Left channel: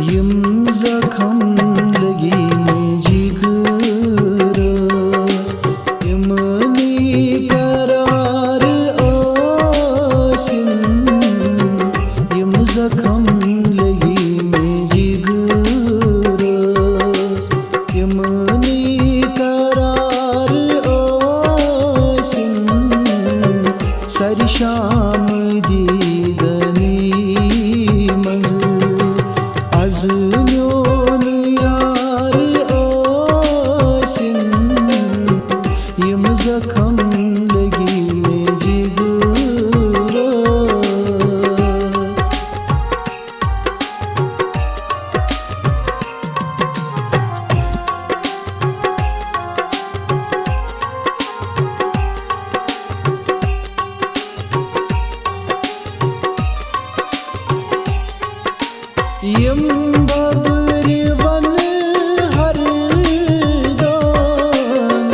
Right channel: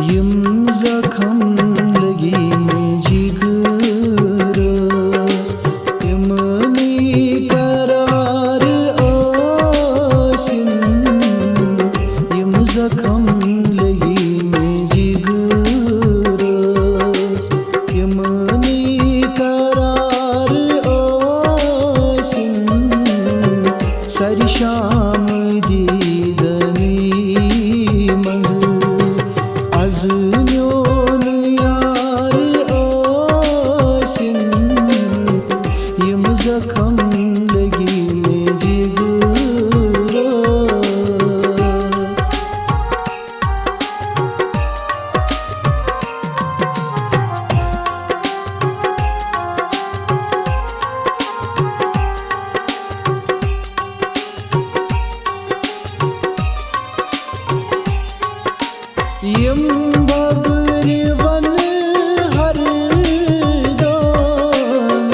यम जखम लगी में जिगरस यमनी करार आसिन यम जखम लगी में जिगरस यमनी करार आसिन सारी शाम दीदनी मंज आज म्योन यार आसिन यम जखम लगी में जिगरस यम बब्र वन हर दान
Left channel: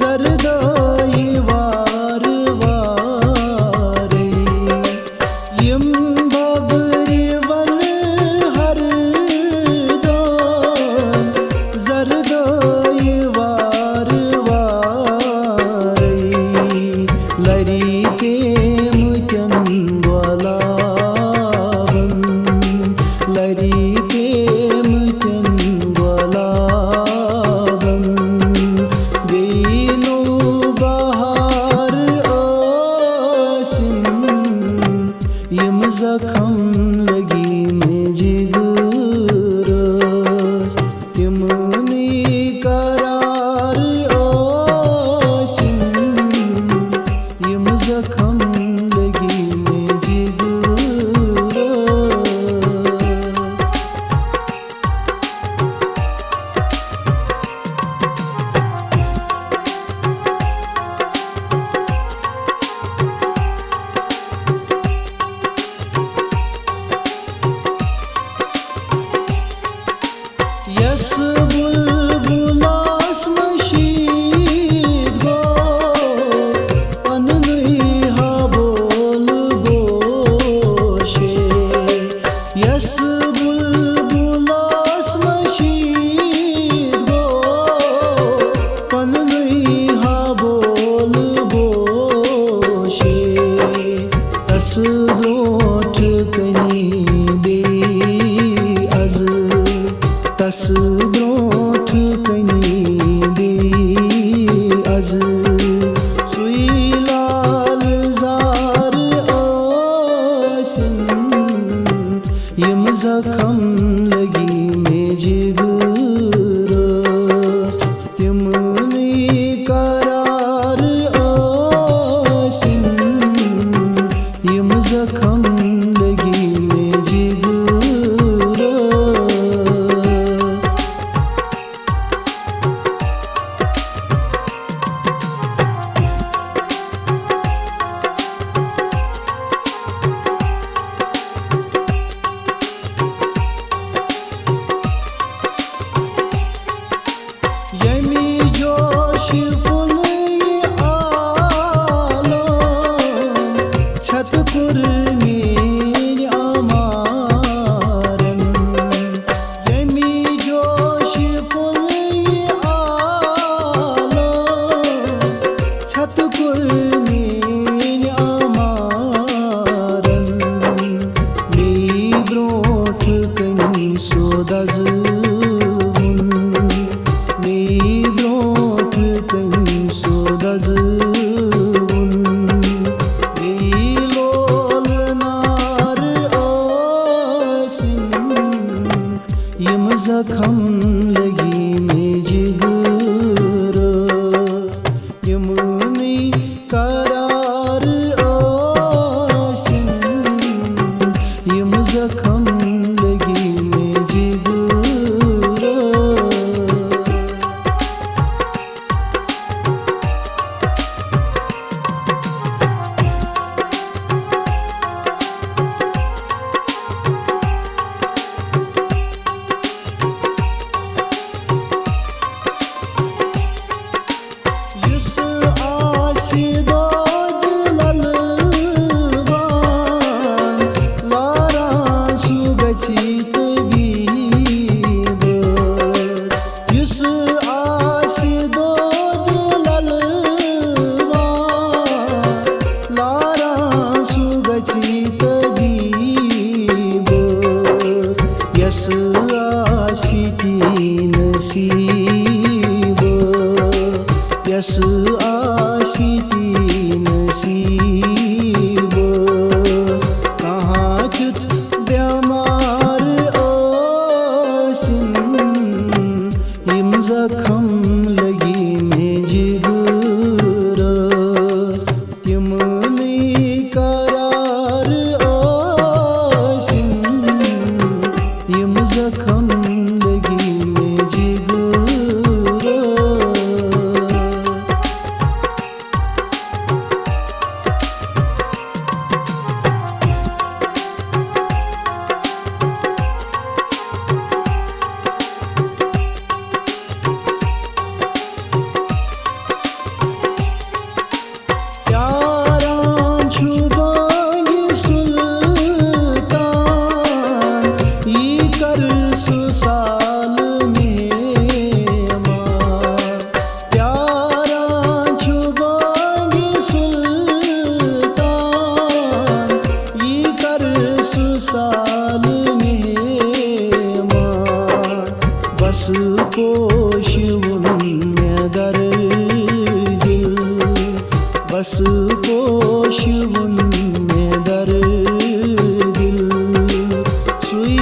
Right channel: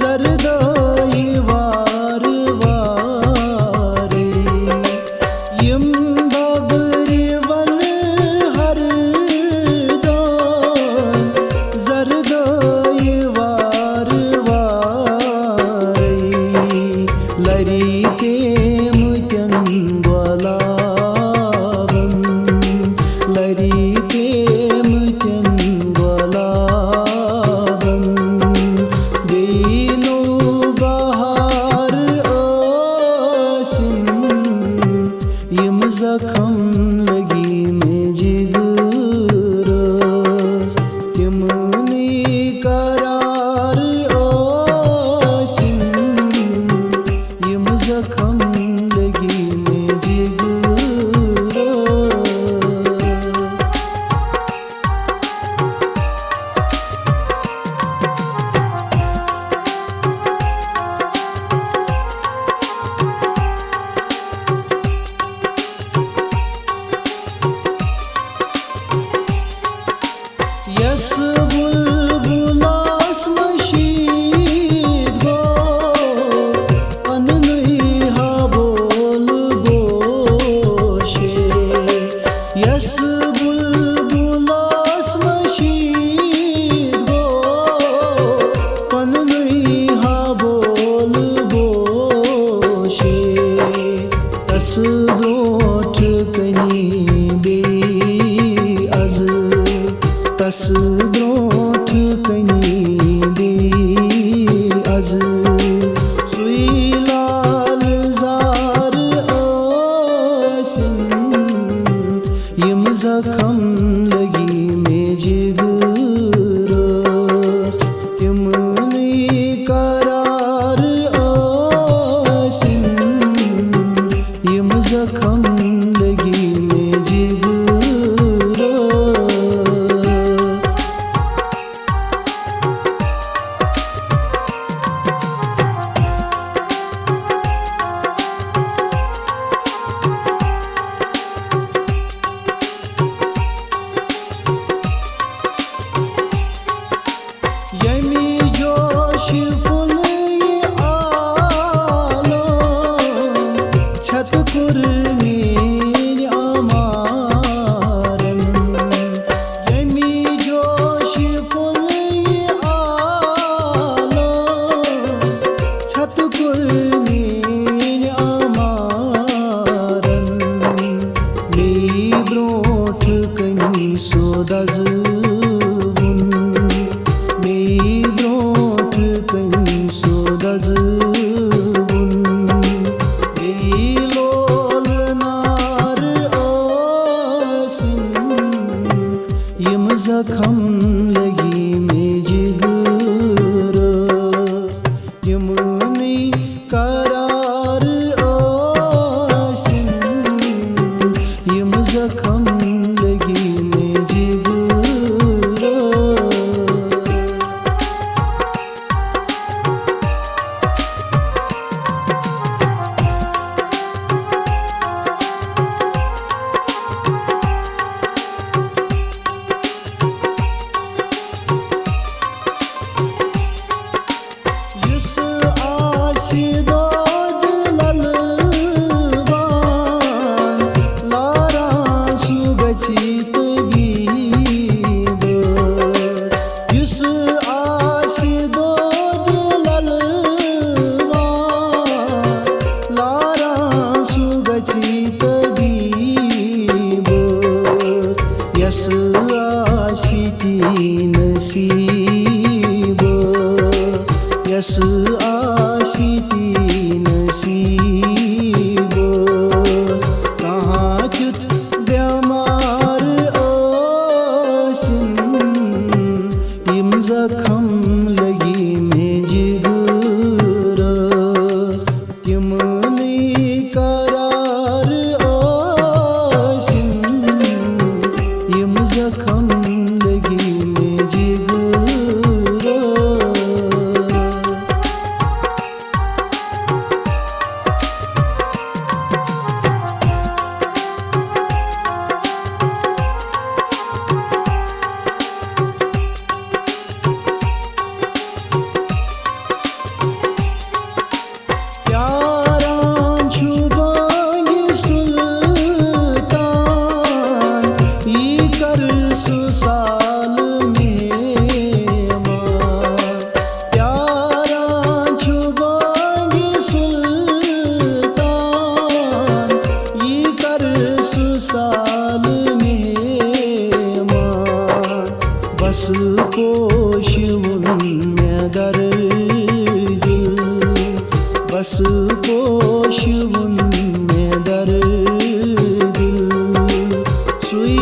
जरदाई वार वारे यम बब्र वन हर दान जरदाई वार वारे लरी पेम त्यन ग्वालावन लरी पेम त्यन ग्वालावन बेनो बहार आसिन यम जखम लगी में जिगरस तिमनी करार आसिन यम जखम लगी में जिगरस यस बुलबुलास मशीद गो पननुई हा बोल बोशे यस बुलबुलास मशीद गो पननुई हा बोल बोशे तस ब्रोठ कनी बे अज तस ब्रोठ कनी बे अज सुई लाल जार आसिन यम जखम लगी में जिगरस तिमनी करार आसिन यम जखम लगी में जिगरस यमी जोश फुल आलम छत कुर्मी अमारन यमी जोश फुल आलम छत कुर्मी अमारन मी ब्रोठ कनी सोदज मी ब्रोठ कनी सोदज बे लोल नार आसिन यम जखम लगी में जिगरस यमनी करार आसिन यम जखम लगी में जिगरस गची तबीब युस आशि दोद ललवान लारा सु गची तबीब यस आशि ती नसीब यस आशि ती नसीब कहाँ त्युत बेमार आसिन यम जखम लगी में जिगरस तिम नहीं करार आसिन यम जखम लगी में जिगरस। प्यारां छु बांगी सुल्तान ई कर सुसाल मेहमान प्यारां छु बांगी सुल्तान ई कर सुसाल मेहमान बस पोशुन में दर बस पोशुन में दर दिल सुई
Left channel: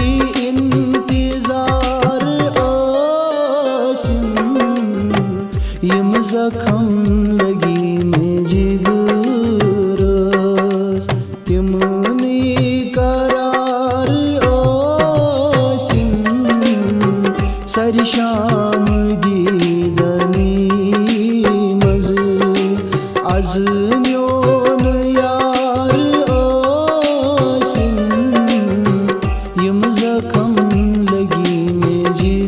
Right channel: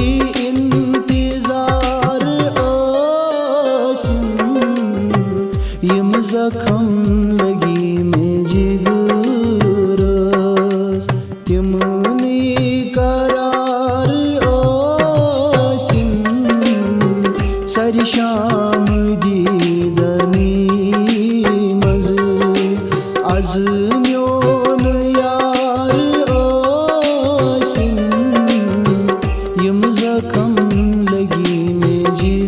इंतजार आसिन यम जखम लगी में जिगरस तिम नहीं करार आसिन सर शाम दीदनी मज az myon yar asin yım zakam lagi में जी